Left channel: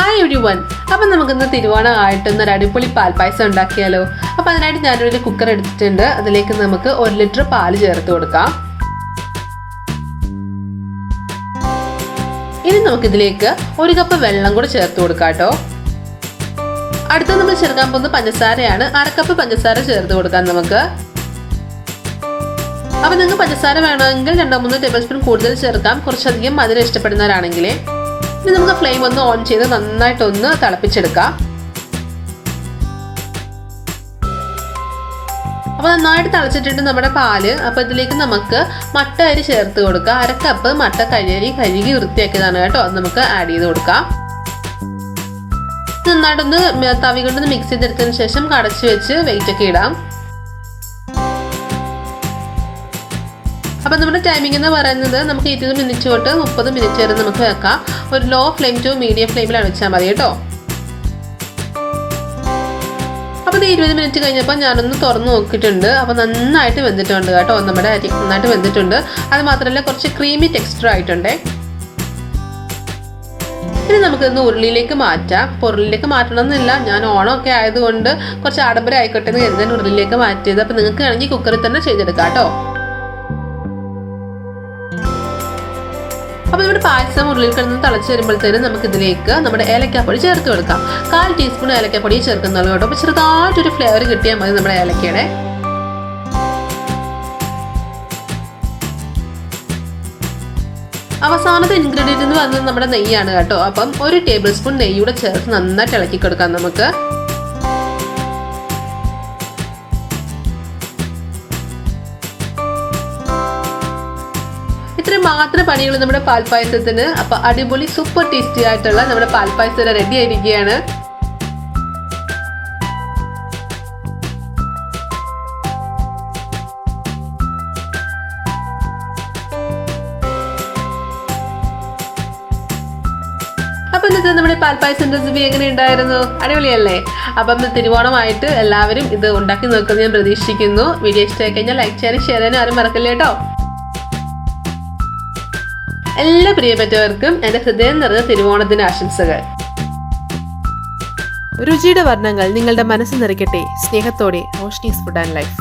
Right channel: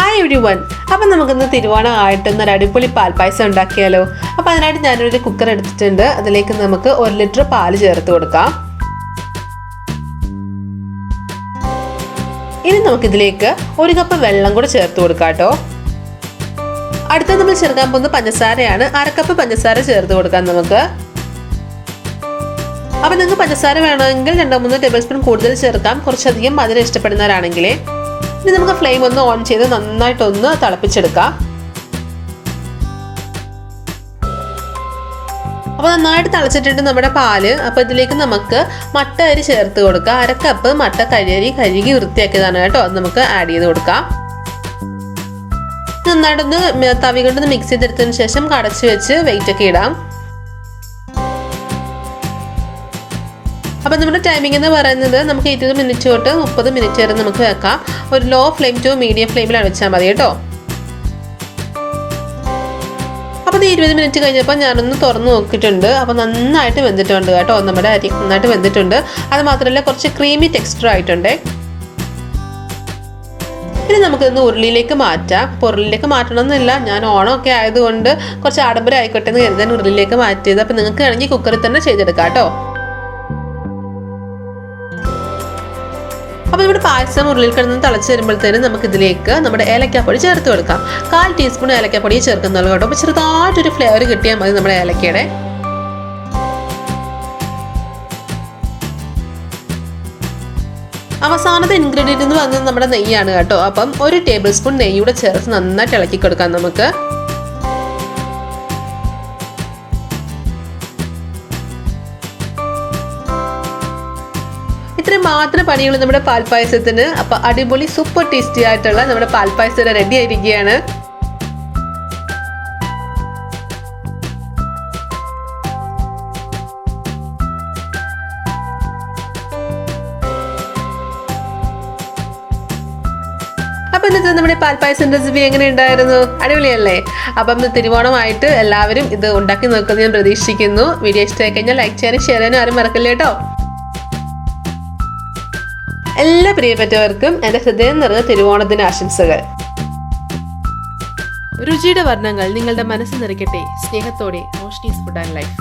Hi everyone. അപ്പം നമുക്കിന്ന് തിരുവോണമായിട്ടൊന്ന് അടിപൊളി പാൽപ്പായസം ഉണ്ടാക്കിയാലോ. അപ്പോൾ അതിനായിട്ട് ഞാനൊരു കുക്കർ എടുത്തിട്ടുണ്ട്. അതിലേക്ക് നമുക്ക് 1 ലിറ്റർ പാൽ ചേർത്ത് കൊടുക്കാം. ഇനി നമുക്കിതിലേക്ക് 1 കപ്പ് വെള്ളം കൂടെ ചേർത്ത് കൊടുക്കാം കേട്ടോ. അടുത്ത നമ്മൾ ചേർക്കാൻ പോകുന്നത് പഞ്ചസാരയാണ്. 1/2 കപ്പ് പഞ്ചസാര ചേർത്ത് കൊടുക്കാം നമുക്ക്. അപ്പം നിങ്ങൾക്ക് പഞ്ചസാര വേണമെങ്കിൽ 2-3 ടേബിൾ സ്പൂൺ കൂടുതൽ ചേർക്കാം, കുറച്ചധികം മധുരം ഇഷ്ടപ്പെടുന്നവരാണെങ്കിൽ. ഇനി നമുക്ക് ഫ്ലെയിം ഒന്ന് ഓൺ ചെയ്ത് നന്നായിട്ടൊന്ന് തിളപ്പിച്ചെടുക്കാം. അപ്പോൾ നന്നായിട്ട് തിളച്ചിട്ടുണ്ട് നമ്മുടെ പാല്. അപ്പോൾ ഇതിലേക്ക് നമുക്ക് മട്ട അരി ചേർത്ത് കൊടുക്കാം. 1/2 കപ്പ് മട്ട കഴുകി വൃത്തിയാക്കിയതാണ് കേട്ടോ. അത് നമുക്ക് ആഡ് ചെയ്ത് കൊടുക്കാം. നന്നായിട്ടൊന്ന് തവി കൊണ്ടൊന്ന് മിക്സ് ചെയ്തെടുത്തതിന് ശേഷം കടച്ചു വെച്ച് വെയിറ്റ് ഒക്കെ ഇടാം. അപ്പോൾ നമ്മുടെ ടൈമിംഗ് എന്ന് പറയുന്നത് നമുക്ക് 20 മിനിറ്റ് തൊട്ട് 30 മിനിറ്റ് വരെ നമുക്ക് വെക്കാം. ഒരു ലോ ഫ്ലെയിം ടു മീഡിയം ഫ്ലെയിമിലാണ് വെച്ചാൽ മതി കേട്ടോ. അപ്പോൾ 20 മിനിറ്റ് കഴിഞ്ഞപ്പോൾ ഞാനൊന്ന് തുറന്ന് നോക്കിയിട്ടുണ്ട്. അപ്പോൾ നന്നായിട്ട് വെന്തിട്ടുണ്ട് കേട്ടോ. നമ്മുടെ അരി നന്നായിട്ട് വെന്തിട്ടുണ്ട്. അത് മാത്രമല്ല കുറച്ച് ക്രീമി ടെക്സ്ചർ ആയിട്ടുണ്ട്. ഇനി നമുക്കിതൊന്ന് ഉരുളിയിലേക്ക് മാറ്റാം. ഉരുളിയിലേക്ക് മാറ്റണമെന്നില്ല, ഞാൻ ഓണമൊക്കെ ആയതുകൊണ്ട് കുറച്ച് ആഡംബരം ആയിക്കോട്ടെ എന്ന് കരുതാൻ ഉരുളിയിലേക്ക് മാറ്റിയത്. അപ്പോൾ നിങ്ങൾക്ക് വേണമെങ്കിൽ കുക്കറിൽ തന്നെ ചെയ്തെടുക്കാം കേട്ടോ. അപ്പോൾ നമ്മുടെ പായസം ഉരുളിയിൽ കിടന്ന് തിളച്ച് വരുമ്പോഴത്തേനും നമുക്കിതിലേക്ക് നമ്മുടെ ഏലക്കാപ്പൊടി ചേർത്ത് കൊടുക്കാം. 1/4 ടീസ്പൂൺ ഏലക്കാപ്പൊടി ചേർക്കുന്നുള്ളൂ കേട്ടോ. അപ്പോൾ ചെറുതായിട്ടൊരു ഫ്ലേവർ കിട്ടിയാൽ മതി നമ്മുടെ ഏലക്കയുടെ. അവസാനത്തെ ഇൻഗ്രീഡിയൻ്റ് എന്ന് പറയുന്നത് നമ്മുടെ നെയ്യാണ് കേട്ടോ. അപ്പം 1 ടേബിൾ സ്പൂൺ നെയ്യൂടെ ചേർത്ത് നന്നായിട്ട് ഇളക്കി കൊടുക്കാം നമുക്ക്. ഇത്രയും മാത്രം പണിയുള്ളൂ നമ്മുടെ പാൽപ്പായസത്തിന്. അപ്പോൾ അടിപൊളി സൂപ്പർ ടേസ്റ്റി ആയിട്ടുള്ള നമ്മുടെ പാൽപ്പായസം റെഡി ആയിരിക്കുകയാണ്. അപ്പം ഇന്നത്തെ നമ്മുടെ പാൽപ്പായസം റെസിപ്പി എങ്ങനെ ഉണ്ടായിരുന്നു? അടിപൊളിയല്ലേ? അപ്പം തിരുവോണമായിട്ട് എല്ലാവരും ഇത് ഉണ്ടാക്കി നോക്കുന്നത് ഞാൻ പ്രതീക്ഷിക്കുന്നു. വീഡിയോ ഇഷ്ടമായി കഴിഞ്ഞാൽ ലൈക്ക് ചെയ്യാനും ഷെയർ ചെയ്യാനും ആരും മറക്കില്ല കേട്ടോ. എല്ലാ പ്രിയപ്പെട്ടവർക്കും എൻ്റെ ഹൃദയം നിറഞ്ഞ തിരുവോണത്തിന് ആശംസകൾ. രുചിയുടെ വർണ്ണങ്ങൾ നിങ്ങളുടെ മനസ്സ് നിറയ്ക്കട്ടെ. സ്നേഹത്തോടെ റോഷ്നീസ് ഫുഡ് ആൻഡ് ലൈഫ്.